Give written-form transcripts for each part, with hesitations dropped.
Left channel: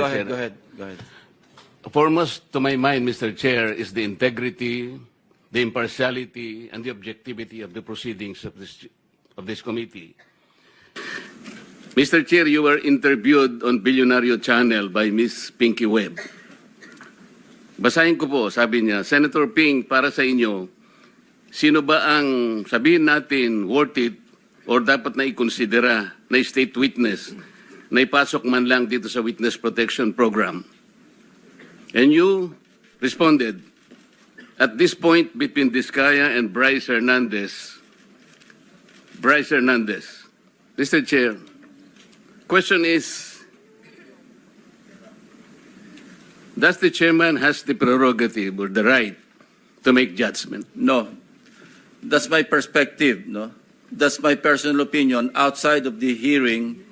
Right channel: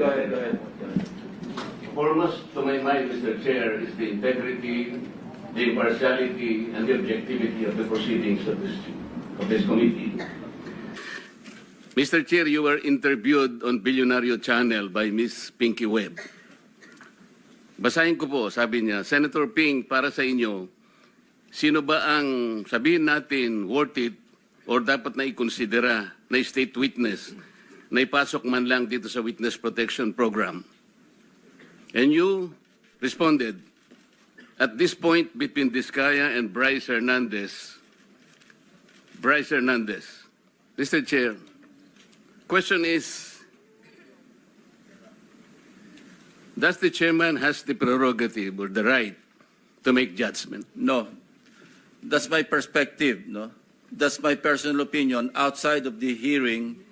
Go ahead. Foremost to my mind, Mr. Chair, is the integrity, the impartiality, and the objectivity of the proceedings of this committee. Mr. Chair, you were interviewed on Billionario Channel by Miss Pinky Webb. Basahin ko po, sabi niya, Senator Ping, para sa inyo, sino ba ang sabihin natin worth it or dapat na ikonsidera na state witness na ipasok man lang dito sa Witness Protection Program? And you responded, at this point between Diskaya and Bryce Hernandez, Mr. Chair, question is, does the chairman has the prerogative or the right to make judgment? No. That's my perspective, no? That's my personal opinion outside of the hearing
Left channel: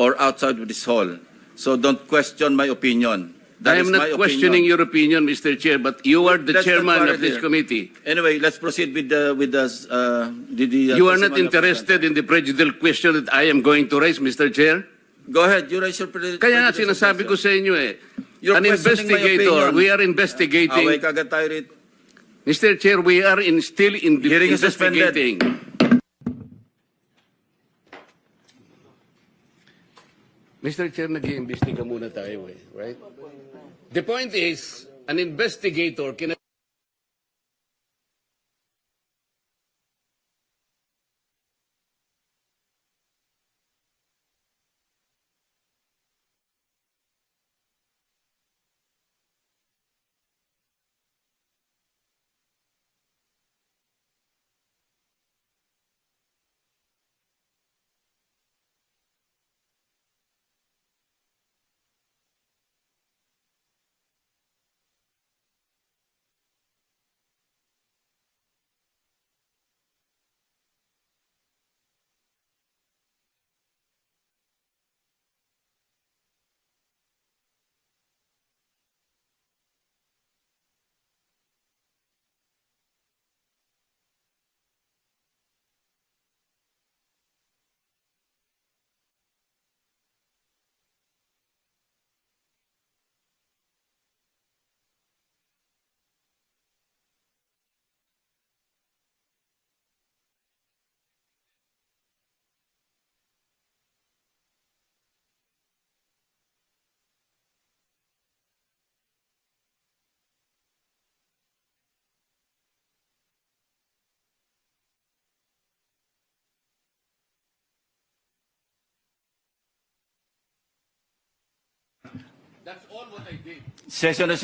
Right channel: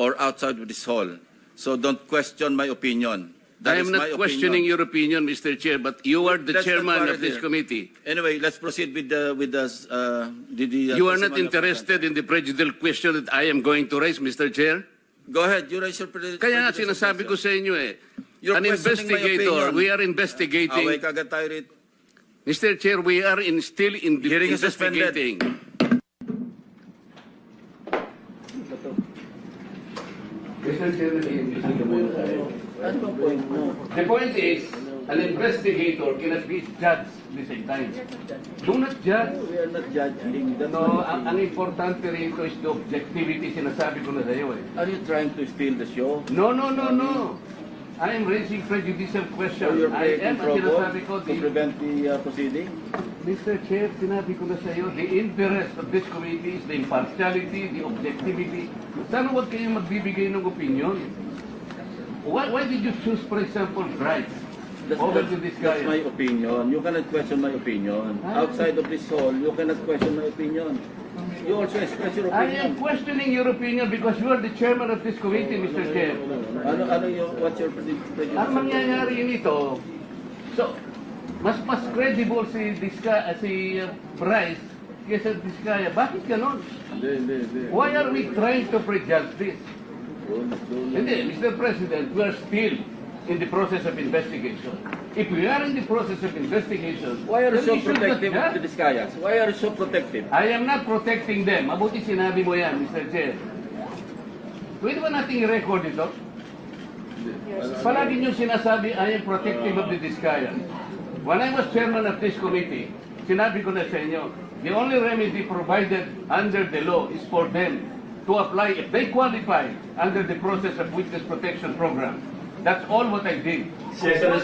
or outside of this hall. So don't question my opinion. I am not questioning your opinion, Mr. Chair, but you are the Let's chairman not of this here. committee. Anyway, let's proceed with the You are not interested in the prejudicial question that I am going to raise, Mr. Chair? Go ahead, you raise your Kaya nga sinasabi ko sa inyo You're an questioning my investigator, opinion. we are investigating. Away kagad tayo rito. Mr. Chair, we are still in the Hearing is suspended. investigating. Mr. Chair, nag-iimbestiga muna tayo. The point is, an investigator cannot be judged at the same time. Do not judge. We are not judging. No, ang importante rito is the objectivity, sinasabi ko na sa iyo Are you trying to steal the show? No. I am raising prejudicial So question. you're I creating am, ang sinasabi ko, trouble to prevent the proceeding? Mr. Chair, sinabi ko na sa iyo, the interest of this committee is the impartiality, the objectivity. Sana huwag kayong magbibigay ng opinion. Why did you choose, for example, Bryce over to this guy? That's my opinion. You cannot question my opinion. Outside of this hall, you cannot question my opinion. You also express your I opinion. am questioning your opinion because you are the chairman of this committee, Mr. Chair. What's your prediction? Ang mangyayari nito, so, mas credible si Bryce kaysa Diskaya. Bakit ganon? Why are we trying to prejudge this? Hindi, Mr. President, we are still in the process of investigation. If we are in the process of investigation, Why are you then so we should not protective of judge. the Discayas? Why are you so protective? I am not protecting them. Mabuti sinabi mo yan, Mr. Chair. Pwede ba nating i-record ito? Palagi nyo sinasabi, I am protective of the Discayans. When I was chairman of this committee, sinabi ko na sa inyo, the only remedy provided under the law is for them to apply if they qualify under the process of Witness Protection Program. That's all what I did. Session is